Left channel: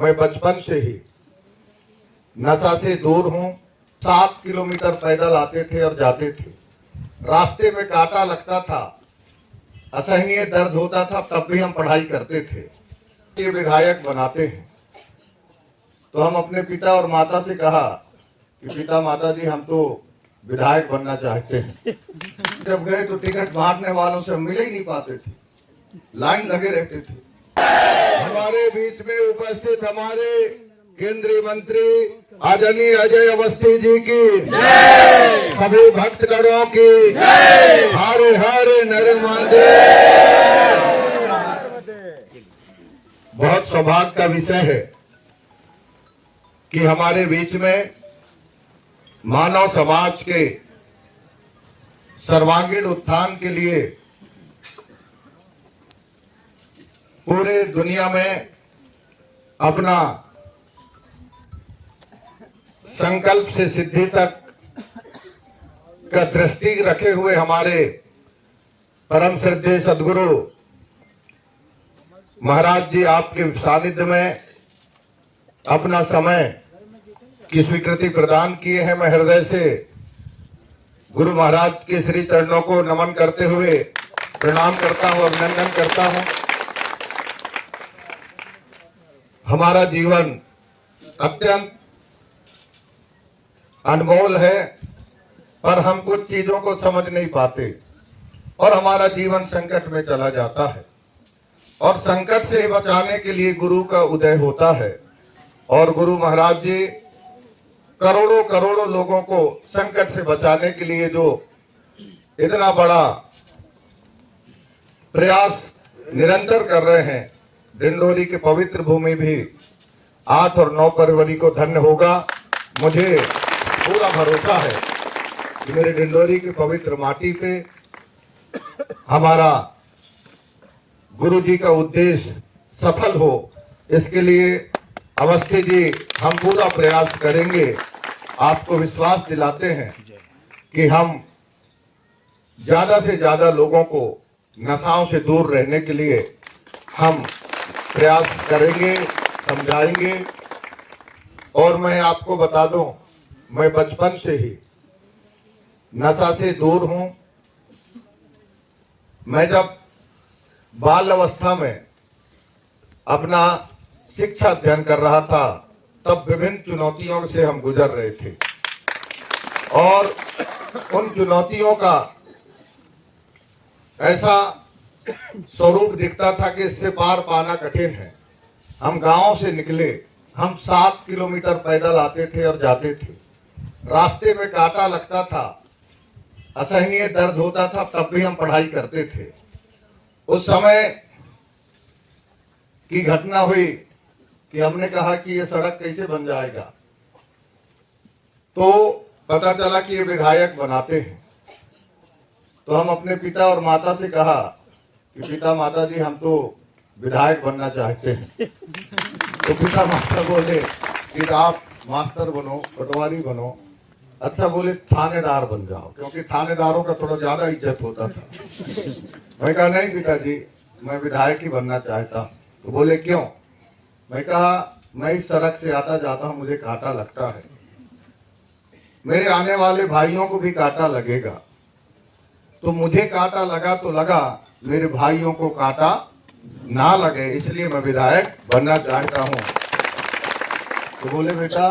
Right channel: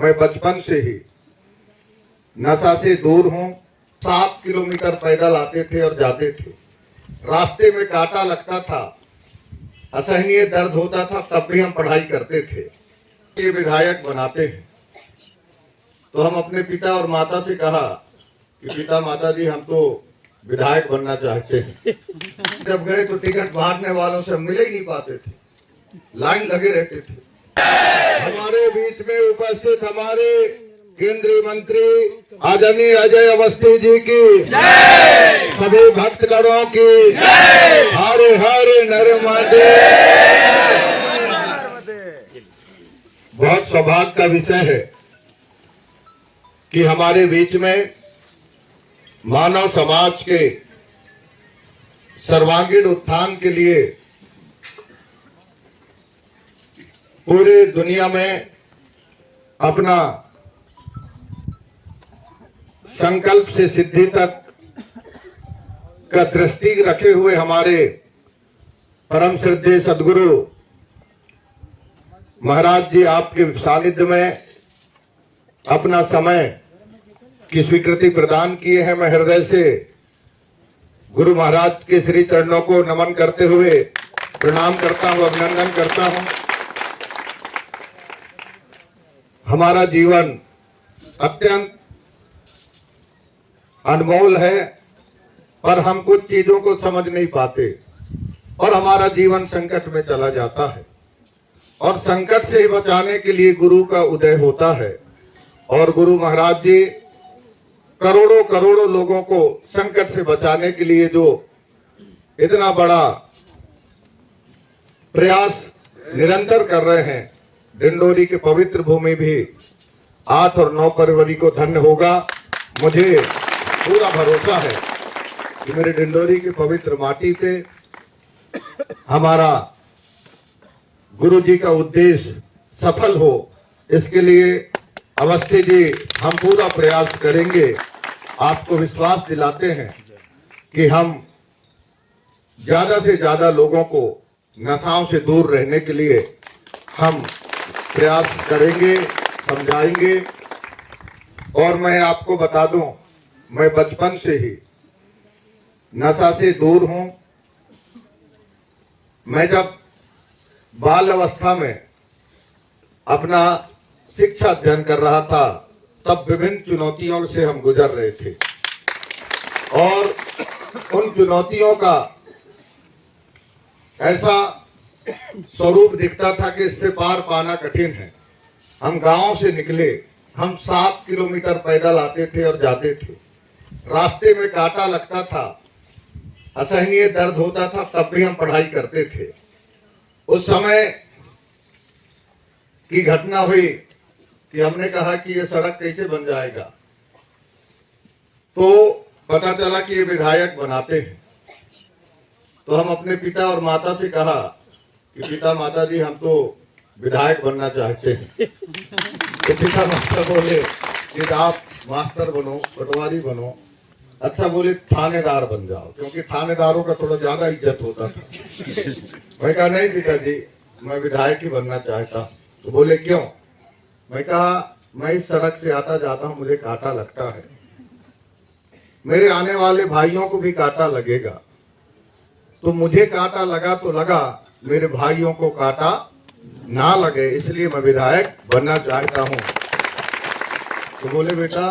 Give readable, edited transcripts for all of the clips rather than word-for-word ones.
मैं बचपन से ही नशा से दूर हूं। 7 किलोमीटर पैदल आते थे और जाते थे। रास्ते में कांटा लगता था, असहनीय दर्द होता था, तब भी हम पढ़ाई करते थे। ये विधायक बनाते हैं तो हम अपने पिता और माता से कहा कि पिता माता जी, हम तो विधायक बनना चाहते हैं। जब गए तो टिकट बांटने वालों से मिले ही नहीं पाते थे, लाइन लगे रहते थे। हमारे बीच में उपस्थित हमारे केंद्रीय मंत्री आदरणीय अजय अवस्थी जी की, सभी भक्तगणों की हरे हरे नर्मदे। बहुत सौभाग्य का विषय है कि हमारे बीच में मानव समाज के सर्वांगीण उत्थान के लिए पूरे दुनिया में अपना संकल्प से सिद्धि तक का दृष्टि रखे हुए हमारे परम श्रद्धेय सदगुरु महाराज जी आपके सानिध्य में अपना समय की स्वीकृति प्रदान किए हैं। मैं हृदय से गुरु महाराज के श्री चरणों को नमन करते हुए प्रणाम करता हूं, अभिनंदन करता हूं। हमारा जीवन अत्यंत अनमोल है, पर हम कुछ चीजों को समझ नहीं पाते और हमारा जीवन संकट में चला जाता है। और संकट से बचाने के लिए गुरु का उदय होता है और गुरु महाराज जी करोड़ों करोड़ों लोगों को संकट से बचाने के लिए जो इतना बड़ा प्रयास निरंतर कर रहे हैं, डिंडोरी की पवित्र भूमि भी 8 और 9 फरवरी को धन्य होगा। मुझे पूरा भरोसा है कि मेरे डिंडोरी की पवित्र माटी पे हमारा गुरु जी का उद्देश्य सफल हो, इसके लिए अवस्थी जी हम पूरा प्रयास करेंगे। आपको विश्वास दिलाते हैं कि हम ज्यादा से ज्यादा लोगों को नशाओं से दूर रहने के लिए हम प्रयास करेंगे, समझाएंगे। और मैं आपको बता दूं, मैं बचपन से ही नशा से दूर हूं। मैं जब बाल अवस्था में अपना शिक्षा अध्ययन कर रहा था, तब विभिन्न चुनौतियों से हम गुजर रहे थे और उन चुनौतियों का ऐसा स्वरूप दिखता था कि इससे पार पाना कठिन है। हम गांव से निकले, हम 7 किलोमीटर पैदल आते थे और जाते थे। रास्ते में कांटा लगता था, असहनीय दर्द होता था, तब भी हम पढ़ाई करते थे। उस समय की घटना हुई कि हमने कहा कि ये सड़क कैसे बन जाएगा, तो पता चला कि ये विधायक बनाते हैं। तो हम अपने पिता और माता से कहा कि पिता माता जी, हम तो विधायक बनना चाहते हैं। तो पिता माता बोले कि आप मास्टर बनो, पटवारी बनो। अच्छा, बोले थानेदार बन जाओ, क्योंकि थानेदारों का थोड़ा ज्यादा इज्जत होता था। मैं कहा नहीं पिताजी, मैं विधायक ही बनना चाहता। तो बोले क्यों? मैं कहा मैं इस सड़क से आता जाता हूं, मुझे कांटा लगता है, मेरे आने वाले भाइयों को भी कांटा लगेगा, तो मुझे कांटा लगा तो लगा, मेरे भाइयों को कांटा ना लगे, इसलिए मैं विधायक बनना चाहता हूं। तो बोले बेटा,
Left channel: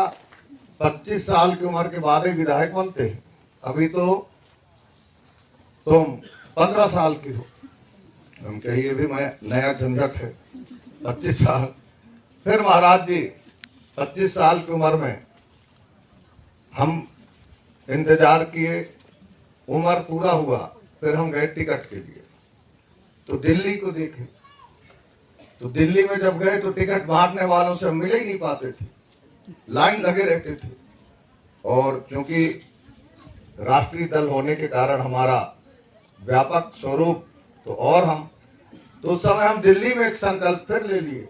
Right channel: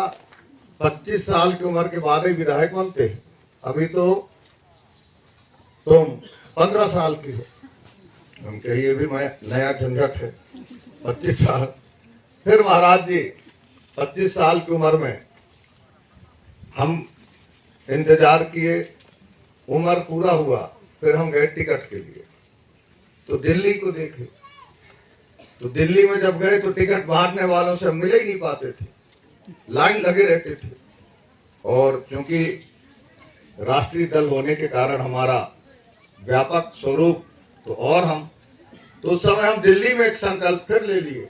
25 साल की उम्र के बाद ही विधायक बनते, अभी तो तुम 15 साल की हो। हम कहिए भी मैं नया झंझट है, 25 साल। फिर महाराज जी 25 साल की उम्र में हम इंतजार किए, उम्र पूरा हुआ, फिर हम गए टिकट के लिए, तो दिल्ली को देखे। तो दिल्ली में जब गए तो टिकट बांटने वालों से मिले ही नहीं पाते थे, लाइन लगे रहते थे। और क्योंकि राष्ट्रीय दल होने के कारण हमारा व्यापक स्वरूप, तो उस समय हम दिल्ली में एक संकल्प फिर ले लिए